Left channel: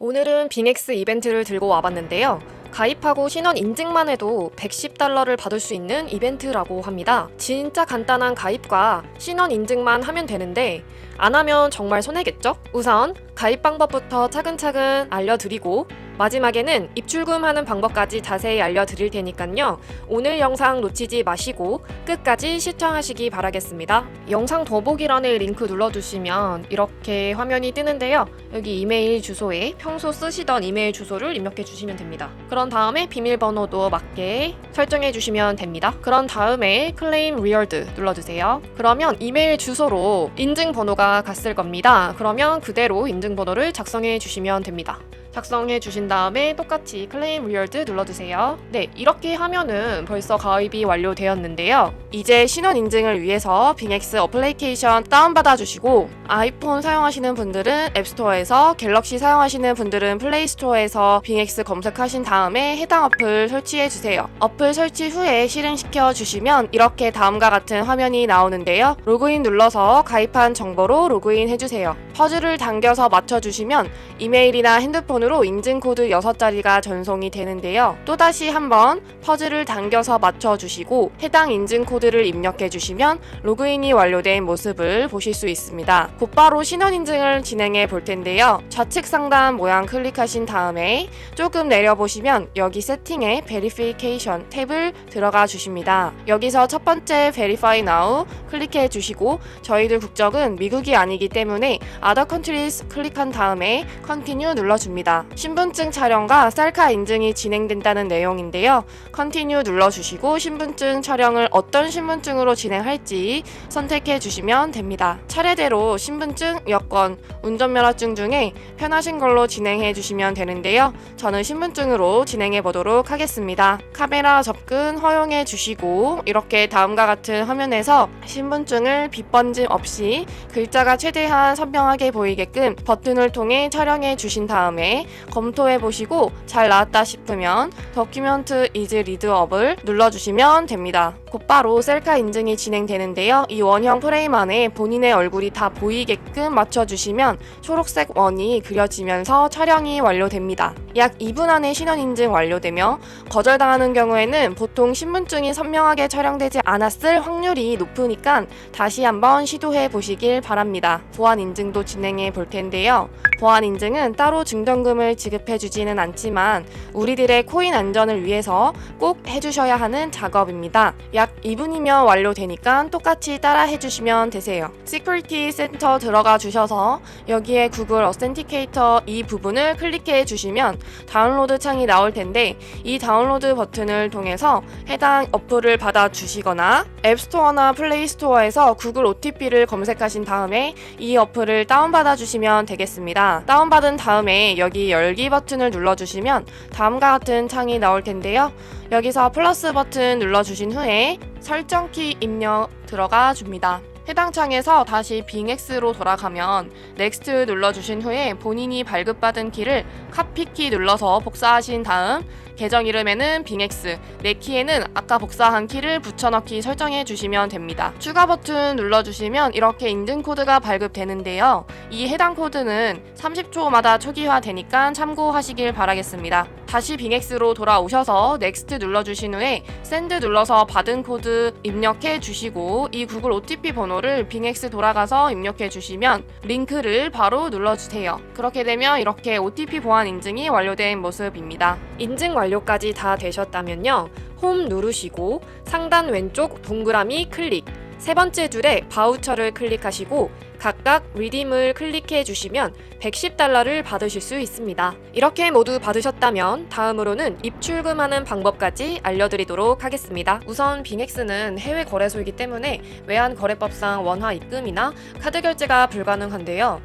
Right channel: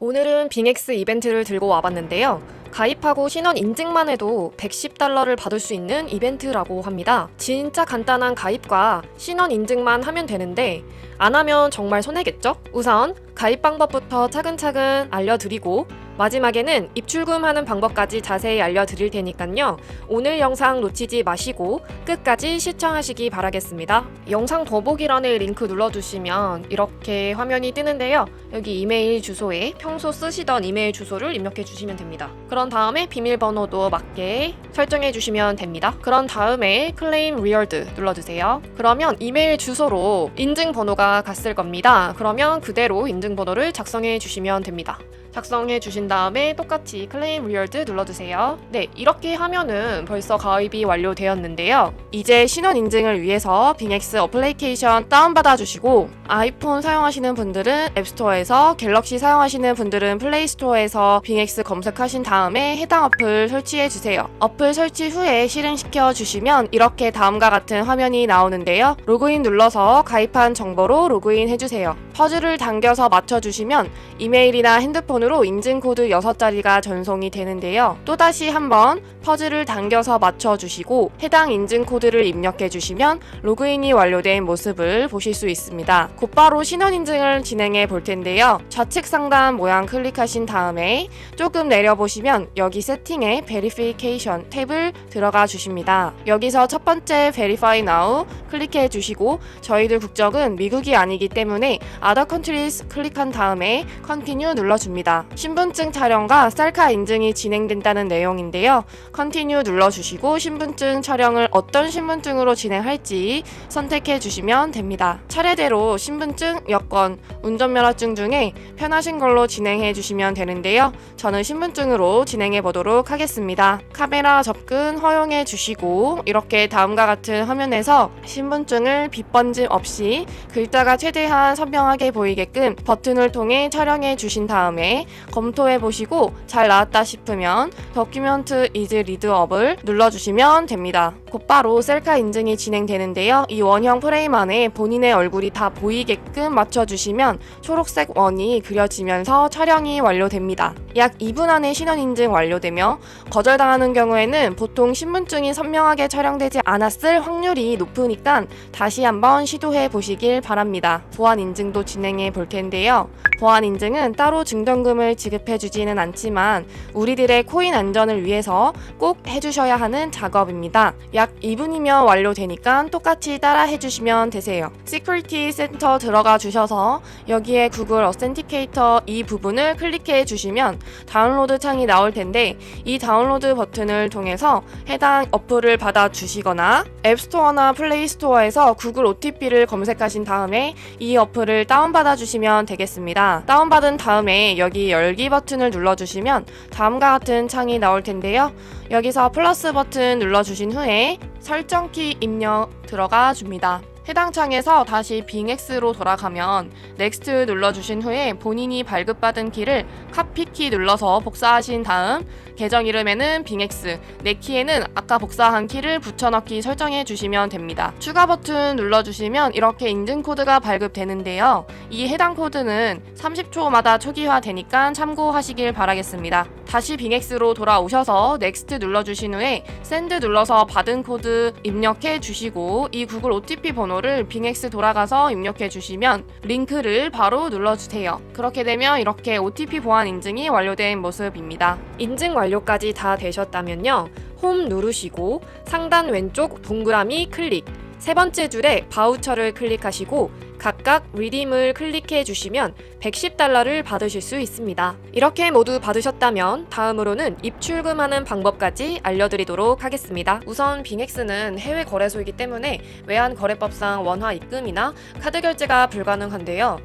오늘은 빙엑스 이벤트를 들고 와봤는데요. 가입하고 신원 인증만 해도 110달러를 받을 수 있는 이벤트라고 합니다. 진짜 간단한 가입과 신원 인증만 하면 되는데 안 하면 정말 손해겠죠? 우선 가입 방법부터 차근차근 알려드리고 마지막에는 입출금하는 방법까지 자세히 알려드릴 테니까요. 오늘 영상 놓치지 마시고 끝까지 시청하시기 바라겠습니다. 영상 더보기란에 링크 눌러주시면 이렇게 화면이 뜨는데요. 여기 이메일 주소에 평소 쓰시던 이메일 주소를 입력해 주시면 됩니다. 그런 다음에 비밀번호도 맞게 설정해 주시면 됩니다. 그런 다음에 클레임 리얼드 눌러주세요. 그러면 이메일 주소로 인증번호가 갔을 겁니다. 그러면 그대로 인증번호를 작성해 주시면 됩니다. 작성해 주신 다음에 똑같이 클레임 리얼드 눌러주세요. 네, 이렇게 하면은 벌써 가입이 완료되었는데요. 이제 신원 인증을 위해서 빙엑스 어플리케이션 다운받아 주시고 아이폰 사용하시는 분들은 앱스토어에서 갤럭시 사용하시는 분들은 플레이스토어에서 빙엑스 검색하신 다음에 해당 어플 설치해 주세요. 어플 설치 후에 실행시켜 주시면 이렇게 다음과 같은 화면이 나오는데요. 로그인 눌러서 가입한 정보로 로그인 해주세요. 퍼즐을 당겨서 맞춰주시면 이메일이나 핸드폰으로 인증코드 6자리가 전송이 되는데요. 또다시 한번 퍼즐을 당겨서 맞춰주시고 해당 인증코드를 입력해주시면 로그인이 완료된 모습을 보실 수 있습니다. 곧바로 신원인증을 진행해 볼 텐데요. 좌측 상단 모양 클릭하신 다음에 조금 내려보시면 여기 세팅에 Verification 탭을 들어가 주십니다. 여기서 첫 번째 Verify Now 클릭해 주시고 저희는 국적은 미국이 아니기 때문에 Other Countries 클릭한 다음에 Continue 눌러줍니다. 신분증 촬영과 셀카 인증이 진행된다는 내용인데요. Continue 눌러주시고 신분증 촬영을 어떤 신분증으로 진행할지 선택해 주시면 됩니다. 차례대로 신분증, 여권, 운전면허증 중에 편하신 걸로 진행해 주시면 되는데요. 저는 신분증으로 진행해 보도록 하겠습니다. 카메라 접근 허용해 주시고 이렇게 다음과 같은 화면에서 신분증을 빗번짐 없이 글자가 최대한 선명하게 보이게끔 버튼을 통해 촬영해 주신 다음에 검토해 보시고 잘 나왔다 싶으면 도큐멘트 이제 리드업을 눌러주시면 됩니다. 곧바로 셀카 인증이 진행되는데요. 이 원형 프레임 안에 본인의 얼굴이 다 보이게끔 맞춰주시면 초록색 원이 그려지면서 촬영이 완료됩니다. 약 2분 안에 신원 인증 완료되며 거절당하는 경우에는 보통 신분증이 선명하게 촬영되지 않았을 확률이 높으니까 다시 한번 시도해 보시길 바랍니다. 보안 인증도 진행해 볼 텐데요. 보안 인증은 따로 증정금을 지급해 주지는 않지만 우리들의 코인 안전을 위해서 꼭 해주셔야 하는 작업입니다. 약 2분이면 완료되니까 똑같이 따라 해주시면 되세요. 시큐리티 센터 들어가 주셔서 여기에 구글 어센티케이터 이 부분을 클릭해 주시면 다운로드 창이 나올 텐데 이 다운로드 버튼을 통해서 해당 어플을 받아 주시거나 앱스토어나 플레이스토어에서 구글 OTP를 검색하신 다음에 이 어플을 다운 받아 주시면 되겠습니다. 다운받은 다음에 여기 열기 버튼을 눌러주시면 다음과 같은 창이 나올 텐데요. 여기서 플러스 버튼 눌러주신 후에 설정키 입력 들어가 줍니다. 해당 창에서 다시 빙엑스로 돌아가면 넥스트 눌러주신 후에 본인이 발급받은 키를 카피키 눌러서 복사하신 다음 계정 이름에는 빙엑스, 내 키에는 아까 복사한 키를 붙여넣기 설정해 주시면 됩니다. 추가 버튼 눌러주시면 이렇게 인증 코드가 발급되는데요. 이 해당 코드는 30초마다 초기화 되니까 참고하시길 바라겠습니다. 다시 빙엑스로 돌아오셔서 넥스트 눌러주신 후에 샌드 눌러서 받은 코드 입력해 주시고 이 구글 OTP 번호를 빙엑스 돌아가서 입력해 주시면 링크를 바로 눌러주세요. 그렇게 되면 이렇게 OTP 보안 인증이 완료된 모습입니다. 인증 완료 까지 다 되셨다면요. 홈 누르시고 상단 왼쪽 동그라미 클릭 세 번째 줄에 바우처를 클릭하시고 각각 리딤을 클릭해 주시면 110달러를 받으실 수 있습니다. 이렇게 모두 받으셨다면 다음으로는 입출금하는 방법까지 알려드리도록 하겠습니다. 우선 빙엑스는 해외 거래소이기 때문에 외환 거래법상 원화 입금이나 카드 결제가 불가능한데요.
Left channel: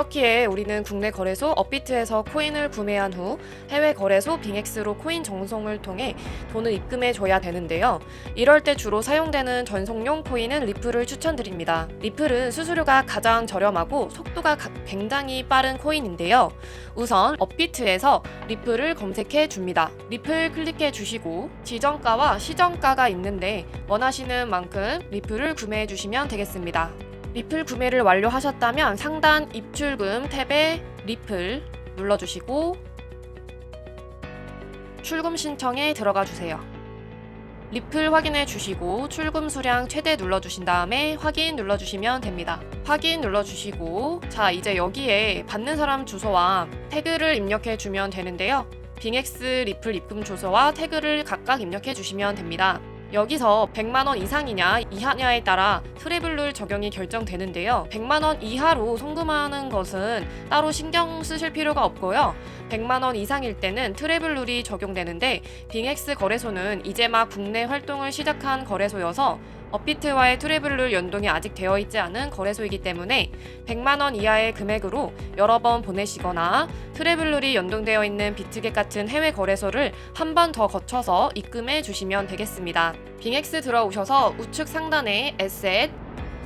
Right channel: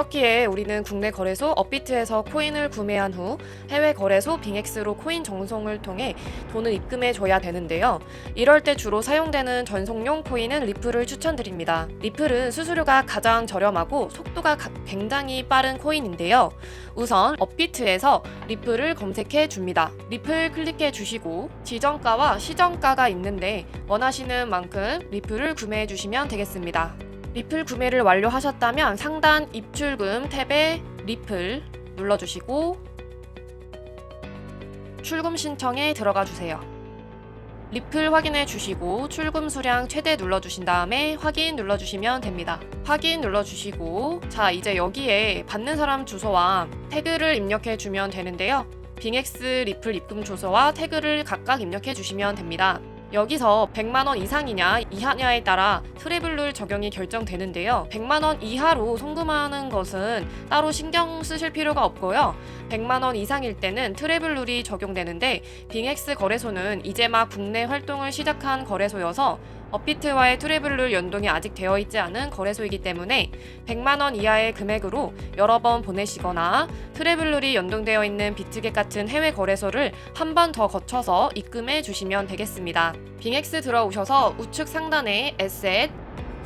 그렇기에 우리는 국내 거래소 업비트에서 코인을 구매한 후 해외 거래소 빙엑스로 코인 정송을 통해 돈을 입금해 줘야 되는데요. 이럴 때 주로 사용되는 전송용 코인은 리플을 추천드립니다. 리플은 수수료가 가장 저렴하고 속도가 가- 굉장히 빠른 코인인데요. 우선 업비트에서 리플을 검색해 줍니다. 리플 클릭해 주시고 지정가와 시정가가 있는데 원하시는 만큼 리플을 구매해 주시면 되겠습니다. 리플 구매를 완료하셨다면 상단 입출금 탭에 리플 눌러주시고 출금 신청에 들어가 주세요. 리플 확인해 주시고 출금 수량 최대 눌러 주신 다음에 확인 눌러 주시면 됩니다. 확인 눌러 주시고 자 이제 여기에 받는 사람 주소와 태그를 입력해 주면 되는데요. 빙엑스 리플 입금 주소와 태그를 각각 입력해 주시면 됩니다. 여기서 100만 원 이상이냐 이하냐에 따라 트래블룰 적용이 결정되는데요. 100만 원 이하로 송금하는 것은 따로 신경 쓰실 필요가 없고요. 100만 원 이상일 때는 트래블룰이 적용되는데 빙엑스 거래소는 이제 막 국내 활동을 시작한 거래소여서 업비트와의 트래블룰 연동이 아직 되어 있지 않은 거래소이기 때문에 100만 원 이하의 금액으로 여러 번 보내시거나 트래블룰이 연동되어 있는 비트겟 같은 해외 거래소를 한 번 더 거쳐서 입금해 주시면 되겠습니다. 빙엑스 들어오셔서 우측 상단에 에셋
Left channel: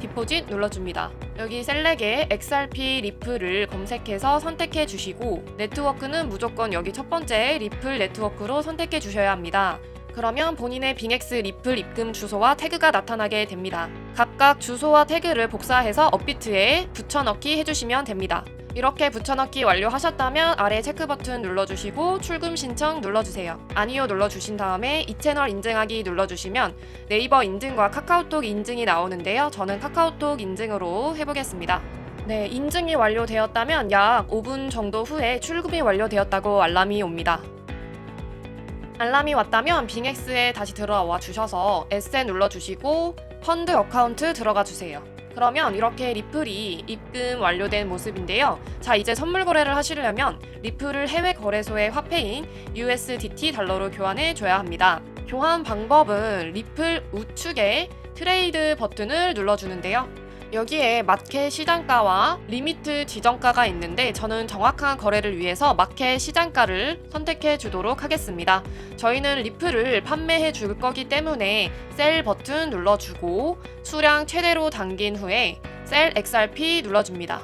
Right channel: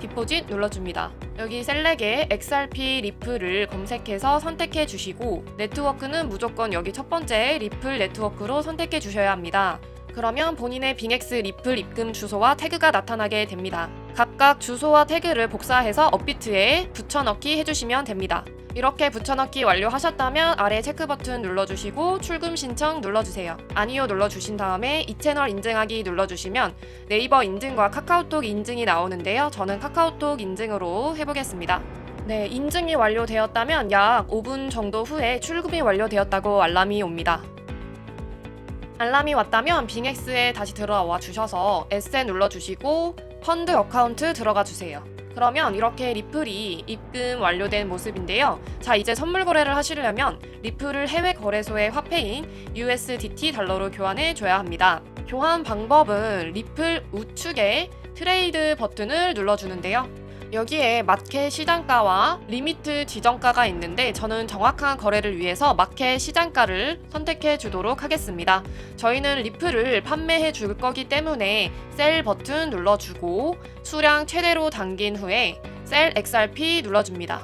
디포짓 눌러줍니다. 여기 셀렉에 XRP 리플을 검색해서 선택해 주시고 네트워크는 무조건 여기 첫 번째 리플 네트워크로 선택해 주셔야 합니다. 그러면 본인의 빙엑스 리플 입금 주소와 태그가 나타나게 됩니다. 각각 주소와 태그를 복사해서 업비트에 붙여넣기 해주시면 됩니다. 이렇게 붙여넣기 완료하셨다면 아래 체크 버튼 눌러주시고 출금 신청 눌러주세요. 아니요 눌러주신 다음에 이 채널 인증하기 눌러주시면 네이버 인증과 카카오톡 인증이 나오는데요. 저는 카카오톡 인증으로 해보겠습니다. 네, 인증이 완료되었다면 약 5분 정도 후에 출금이 완료되었다고 알람이 옵니다. 알람이 왔다면 빙엑스에 다시 들어와 주셔서 에셋 눌러주시고 펀드 어카운트 들어가 주세요. 그러면 이렇게 리플이 입금 완료된 모습인데요. 자, 이제 선물 거래를 하시려면 리플을 해외 거래소의 화폐인 USDT 달러로 교환해 줘야 합니다. 교환 방법은 리플 우측에 트레이드 버튼을 눌러주는데요. 여기에 마켓 시장가와 리미트 지정가가 있는데 저는 정확한 거래를 위해서 마켓 시장가를 선택해 주도록 하겠습니다. 저희는 리플을 판매해 줄 거기 때문에 셀 버튼 눌러주고 수량 최대로 당긴 후에 셀 XRP 눌러줍니다.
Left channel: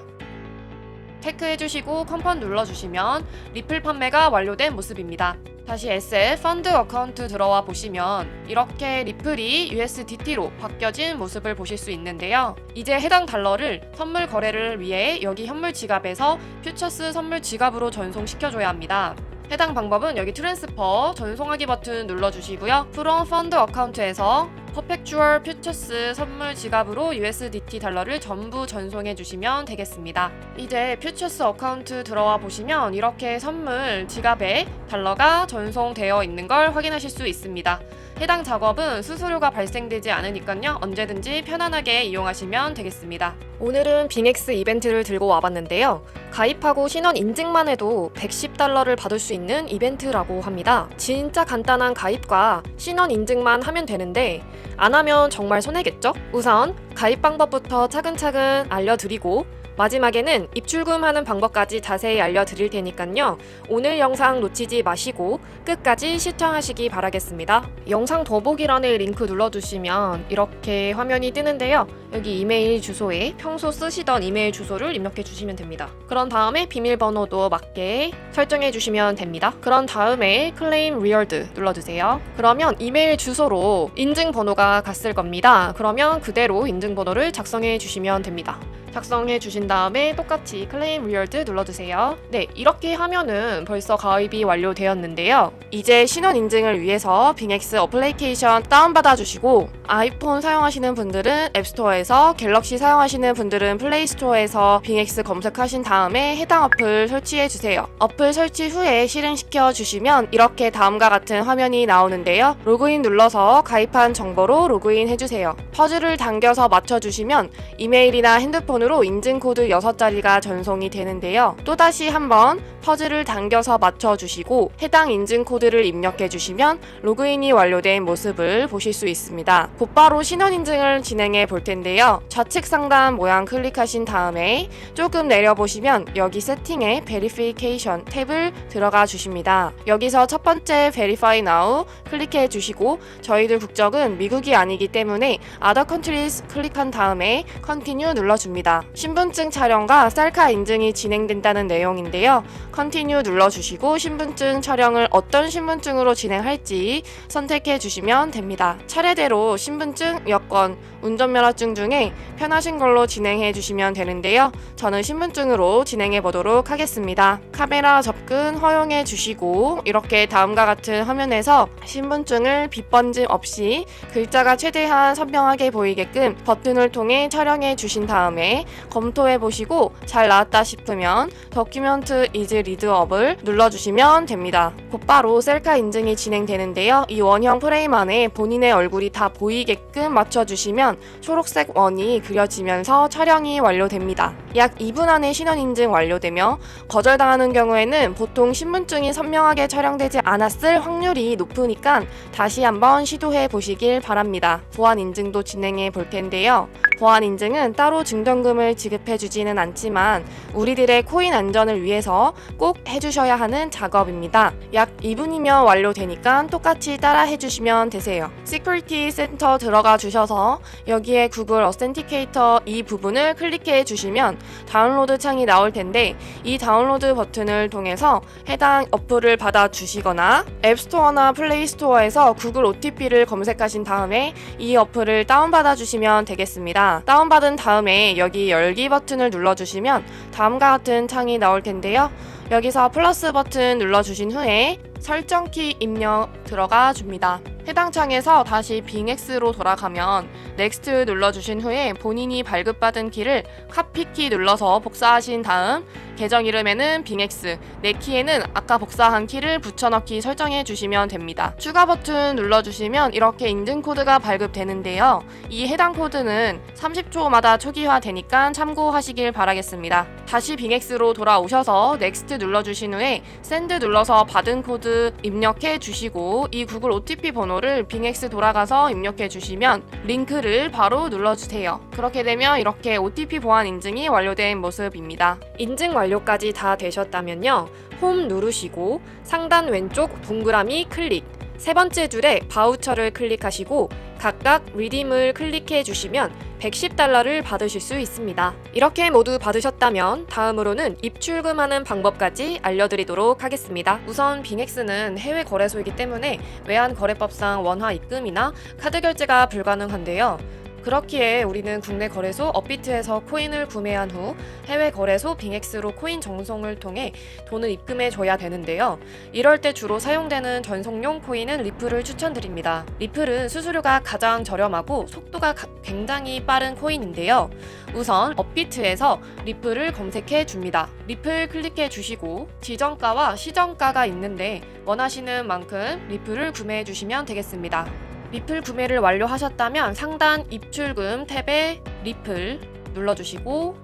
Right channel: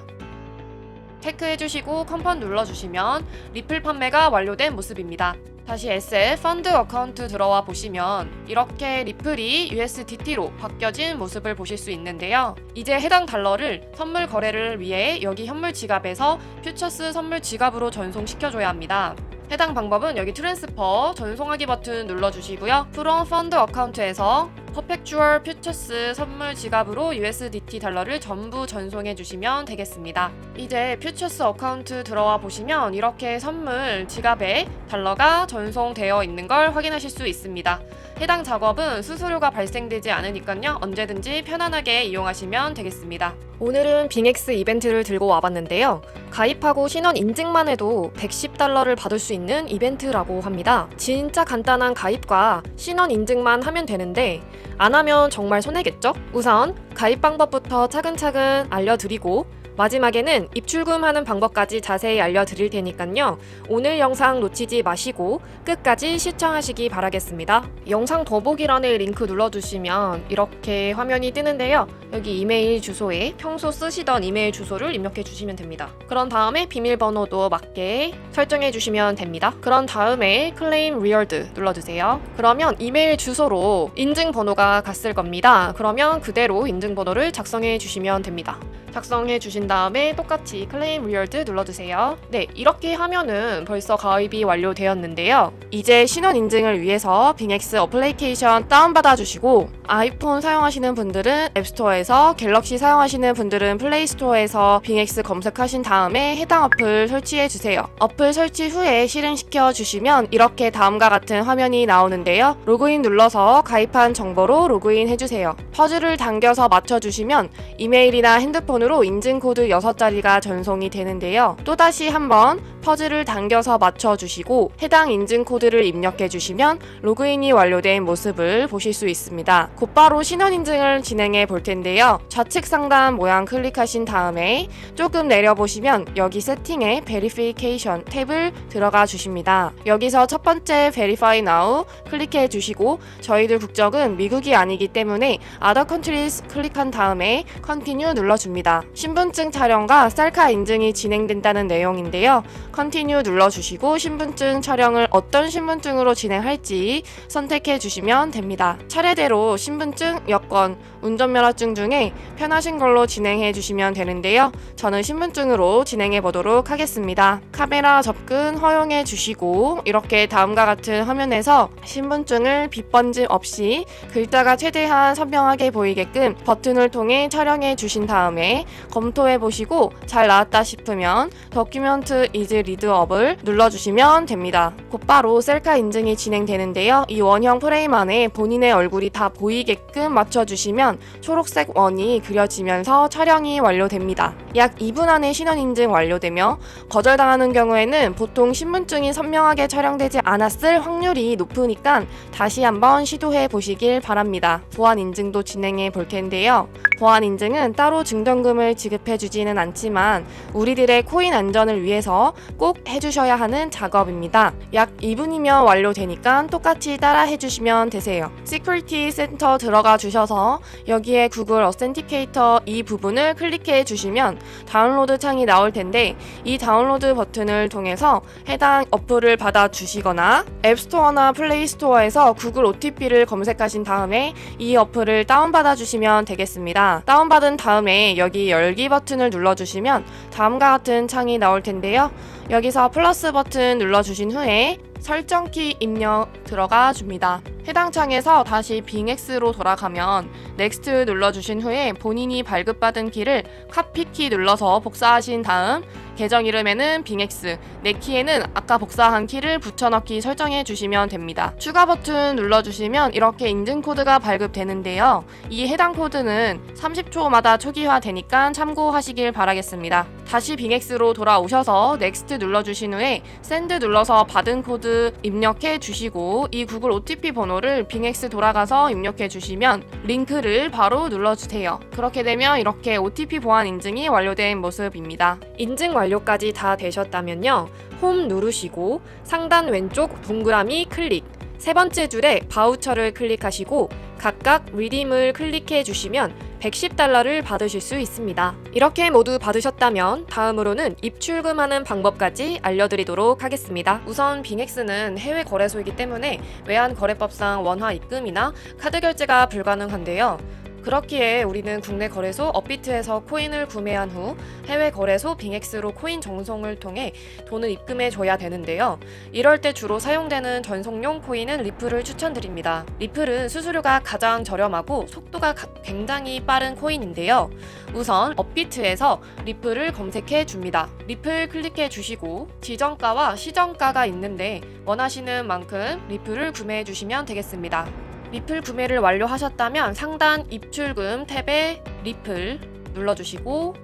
체크해 주시고 컨펌 눌러주시면 리플 판매가 완료된 모습입니다. 다시 에셋 펀드 어카운트 들어와 보시면 이렇게 리플이 USDT로 바뀌어진 모습을 보실 수 있는데요. 이제 해당 달러를 선물 거래를 위해 여기 현물 지갑에서 퓨처스 선물 지갑으로 전송시켜줘야 합니다. 해당 방법은 여기 트랜스퍼 전송하기 버튼 눌러주시고요. 프롬 펀드 어카운트에서 퍼펙추얼 퓨처스 선물 지갑으로 USDT 달러를 전부 전송해 주시면 되겠습니다. 이제 퓨처스 어카운트 들어와 보시면 이렇게 선물 지갑에 달러가 전송되어 있는 걸 확인하실 수 있습니다. 해당 작업은 수수료가 발생되지 않으니까요. 언제든지 편안하게 이용하시면 되겠습니다. 오늘은 빙엑스 이벤트를 들고 와봤는데요. 가입하고 신원 인증만 해도 110 달러를 받을 수 있는 이벤트라고 합니다. 진짜 간단한 가입과 신원 인증만 하면 되는데 안 하면 정말 손해겠죠? 우선 가입 방법부터 차근차근 알려드리고 마지막에는 입출금 하는 방법까지 자세히 알려드릴 테니까요. 오늘 영상 놓치지 마시고 끝까지 시청하시기 바라겠습니다. 영상 더보기란에 링크 눌러주시면 이렇게 화면이 뜨는데요. 여기 이메일 주소에 평소 쓰시던 이메일 주소를 입력해 주시면 됩니다. 그런 다음에 비밀번호도 맞게 설정해 주시면 됩니다. 그런 다음에 클레임 리얼드 눌러주세요. 그러면 이메일 주소로 인증번호가 갔을 겁니다. 그러면 그대로 인증번호를 작성해 주시면 됩니다. 작성해 주신 다음에 똑같이 클레임 리얼드 눌러주세요. 네, 이렇게 하면은 벌써 가입이 완료되었는데요. 이제 신원 인증을 위해서 빙엑스 어플리케이션 다운받아 주시고 아이폰 사용하시는 분들은 앱스토어에서 갤럭시 사용하시는 분들은 플레이스토어에서 빙엑스 검색하신 다음에 해당 어플 설치해 주세요. 어플 설치 후에 실행시켜 주시면 이렇게 다음과 같은 화면이 나오는데요. 로그인 눌러서 가입한 정보로 로그인 해주세요. 퍼즐을 당겨서 맞춰주시면 이메일이나 핸드폰 으로 인증코드 6자리가 전송이 되는데요. 또다시 한번 퍼즐을 당겨서 맞춰주시고 해당 인증코드를 입력해주시면 로그인이 완료된 모습을 보실 수 있습니다. 곧바로 신원인증을 진행해 볼 텐데요. 좌측 상단 모양 클릭하신 다음에 조금 내려보시면 여기 세팅에 Verification 탭을 들어가 주십니다. 여기서 첫 번째 Verify Now 클릭해 주시고 저희들 국적은 미국이 아니기 때문에 Other Countries 클릭한 다음에 Continue 눌러줍니다. 신분증 촬영과 셀카 인증이 진행된다는 내용인데요. Continue 눌러주시고 신분증 촬영을 어떤 신분증으로 진행할지 선택해 주시면 됩니다. 차례대로 신분증, 여권, 운전면허증 중에 편하신 걸로 진행해 주시면 되는데요. 저는 신분증으로 진행해 보도록 하겠습니다. 카메라 접근 허용해 주시고 이렇게 다음과 같은 화면에서 신분증을 빗번짐 없이 글자가 최대한 선명하게 보이게끔 버튼을 통해 촬영해 주신 다음에 검토해 보시고 잘 나왔다 싶으면 더큐멘트 이즈 리드업을 눌러주시면 됩니다. 곧바로 셀카 인증이 진행되는데요. 이 원형 프레임 안에 본인의 얼굴이 다 보이게끔 맞춰주시면 초록색 원이 그려지면서 촬영이 완료됩니다. 약 2분 안에 신원 인증 완료되며 거절당하는 경우에는 보통 신분증이 선명하게 촬영되지 않았을 확률이 높으니까 다시 한번 시도해 보시길 바랍니다. 보안 인증도 진행해 볼 텐데요. 보안 인증은 따로 증정금을 지급해 주지는 않지만 우리들의 코인 안전을 위해서 꼭 해주셔야 하는 작업입니다. 약 2분이면 완료되니까 똑같이 따라 해주시면 되세요. 시큐리티 센터 들어가 주셔서 여기에 구글 어센티케이터 이 부분을 클릭해 주시면 다운로드 창이 나올 텐데 이 다운로드 버튼을 통해서 해당 어플을 받아 주시거나 앱스토어나 플레이스토어에서 구글 OTP를 검색하신 다음에 이 어플을 다운받아 주시면 되겠습니다. 다운받은 다음에 여기 열기 버튼을 눌러 주시면 다음과 같은 창이 나올 텐데요. 여기서 플러스 버튼 눌러 주신 후에 설정키 입력 들어가 줍니다. 해당 창에서 다시 빙X로 돌아가면 넥스트 눌러주신 후에 본인이 발급받은 키를 카피키 눌러서 복사하신 다음 계정 이름에는 빙X, 내 키에는 아까 복사한 키를 붙여넣기 설정해 주시면 됩니다. 추가 버튼 눌러주시면 이렇게 인증 코드가 발급되는데요. 이 해당 코드는 30초마다 초기화 되니까 참고하시길 바라겠습니다. 다시 빙X로 돌아오셔서 넥스트 눌러주신 후에 샌드 눌러서 받은 코드 입력해 주시고 이 구글 OTP 번호를 빙X 돌아가서 입력해 주시면 링크를 바로 눌러주세요. 그렇게 되면 이렇게 OTP 보안 인증이 완료된 모습입니다. 인증 완료까지 다 되셨다면요. 홈 누르시고 상단 왼쪽 동그라미 클릭 세 번째 줄에 바우처를 클릭하시고 각각 리딤을 클릭해 주시면 110달러를 받으실 수 있습니다. 이렇게 모두 받으셨다면 다음으로는 입출금하는 방법까지 알려드리도록 하겠습니다. 우선 빙엑스는 해외 거래소이기 때문에 외환 거래법상 원화 입금이나 카드 결제가 불가능한데요. 그렇기에 우리는 국내 거래소 업비트에서 코인을 구매한 후 해외 거래소 빙엑스로 코인 정송을 통해 돈을 입금해 줘야 되는데요. 이럴 때 주로 사용되는 전송용 코인은 리플을 추천드립니다. 리플은 수수료가 가장 저렴하고 속도가 가- 굉장히 빠른 코인인데요. 우선 업비트에서 리플을 검색해 줍니다. 리플 클릭해 주시고 지정가와 시정가가 있는데 원하시는 만큼 리플을 구매해 주시면 되겠습니다. 리플 구매를 완료하셨다면 상단 입출금 탭에 리플 눌러주시고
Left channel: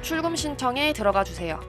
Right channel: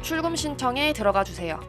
출금 신청에 들어가 주세요.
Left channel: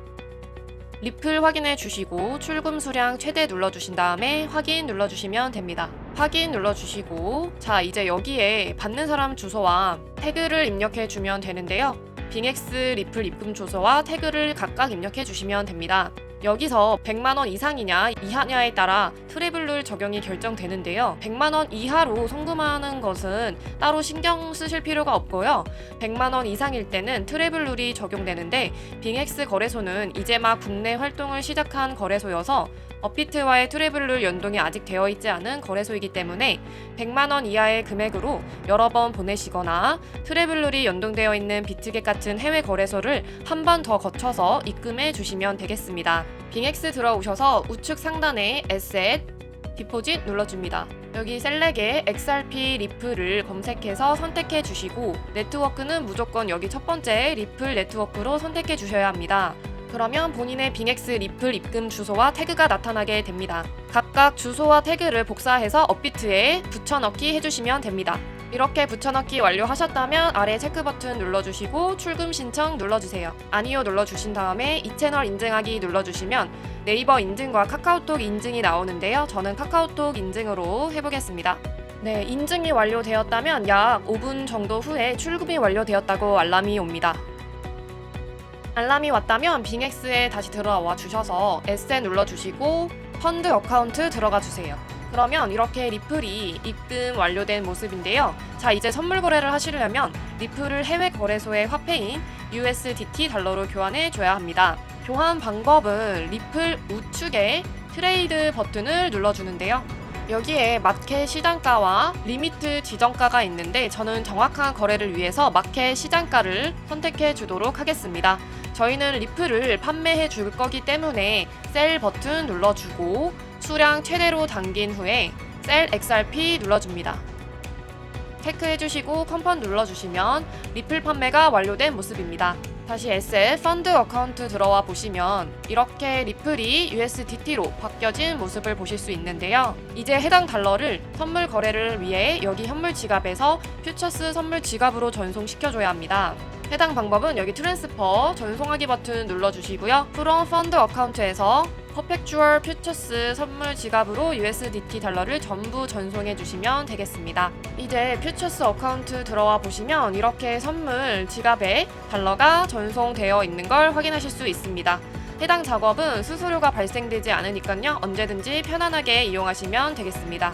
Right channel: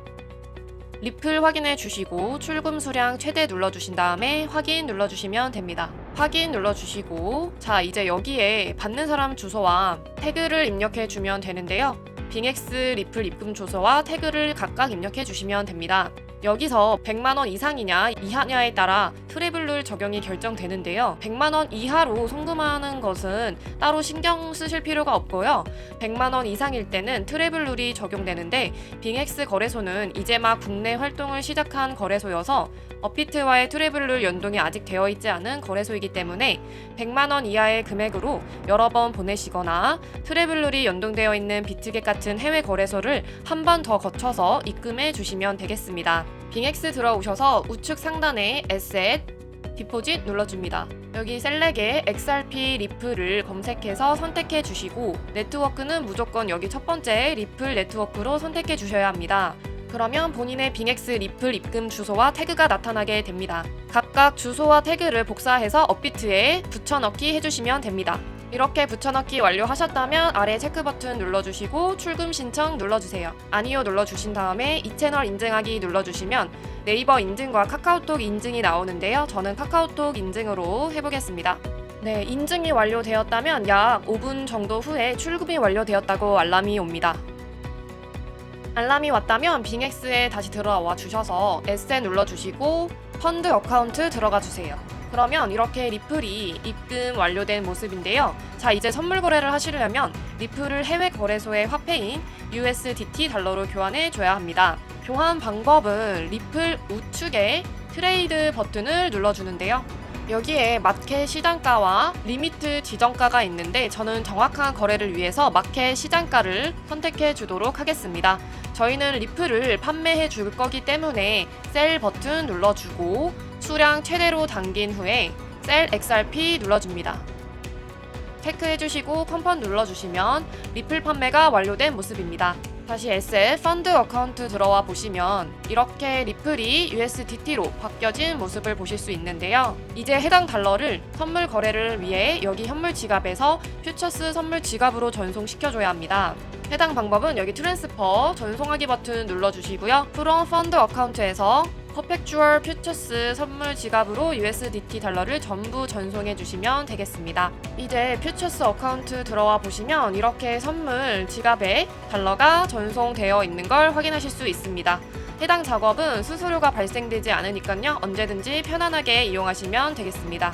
리플 확인해 주시고 출금 수량 최대 눌러 주신 다음에 확인 눌러 주시면 됩니다. 확인 눌러 주시고 자 이제 여기에 받는 사람 주소와 태그를 입력해 주면 되는데요. 빙엑스 리플 입금 주소와 태그를 각각 입력해 주시면 됩니다. 여기서 100만 원 이상이냐 이하냐에 따라 트래블룰 적용이 결정되는데요. 100만 원 이하로 송금하는 것은 따로 신경 쓰실 필요가 없고요. 100만 원 이상일 때는 트래블룰이 적용되는데 빙엑스 거래소는 이제 막 국내 활동을 시작한 거래소여서 업비트와의 트래블룰 연동이 아직 되어 있지 않은 거래소이기 때문에 100만 원 이하의 금액으로 여러 번 보내시거나 트래블룰이 연동되어 있는 비트겟 같은 해외 거래소를 한 번 더 거쳐서 입금해 주시면 되겠습니다. 빙엑스 들어오셔서 우측 상단에 에셋, 디포짓 눌러줍니다. 여기 셀렉에 XRP 리플을 검색해서 선택해 주시고 네트워크는 무조건 여기 첫 번째 리플 네트워크로 선택해 주셔야 합니다. 그러면 본인의 빙엑스 리플 입금 주소와 태그가 나타나게 됩니다. 각각 주소와 태그를 복사해서 업비트에 붙여넣기 해주시면 됩니다. 이렇게 붙여넣기 완료하셨다면 아래 체크 버튼 눌러주시고 출금 신청 눌러주세요. 아니요 눌러주신 다음에 이 채널 인증하기 눌러주시면 네이버 인증과 카카오톡 인증이 나오는데요. 저는 카카오톡 인증으로 해보겠습니다. 네, 인증이 완료되었다면 약 5분 정도 후에 출금이 완료되었다고 알람이 옵니다. 알람이 왔다면 빙엑스에 다시 들어와 주셔서 에세 눌러주시고 펀드 어카운트 들어가 주세요. 그러면 이렇게 리플이 입금 완료된 모습인데요. 자, 이제 선물 거래를 하시려면 리플을 해외 거래소의 화폐인 USDT 달러로 교환해 줘야 합니다. 교환 방법은 리플 우측에 트레이드 버튼을 눌러주는데요. 여기에 마켓 시장가와 리미트 지정가가 있는데 저는 정확한 거래를 위해서 마켓 시장가를 선택해 주도록 하겠습니다. 저희는 리플을 판매해 줄 거기 때문에 셀 버튼 눌러주고 수량 최대로 당긴 후에 셀 XRP 눌러줍니다. 체크해 주시고 컨펌 눌러주시면 리플 판매가 완료된 모습입니다. 다시 SF 펀드 어카운트 들어와 보시면 이렇게 리플이 USDT로 바뀌어진 모습을 보실 수 있는데요. 이제 해당 달러를 선물 거래를 위해 여기 현물 지갑에서 퓨처스 선물 지갑으로 전송시켜줘야 합니다. 해당 방법은 여기 트랜스퍼 전송하기 버튼 눌러주시고요. 프롬 펀드 어카운트에서 퍼펙추얼 퓨처스 선물 지갑으로 USDT 달러를 전부 전송해 주시면 되겠습니다. 이제 퓨처스 어카운트 들어와 보시면 이렇게 선물 지갑에 달러가 전송되어 있는 걸 확인하실 수 있습니다. 해당 작업은 수수료가 발생되지 않으니까요. 언제든지 편안하게 이용하시면 되겠습니다.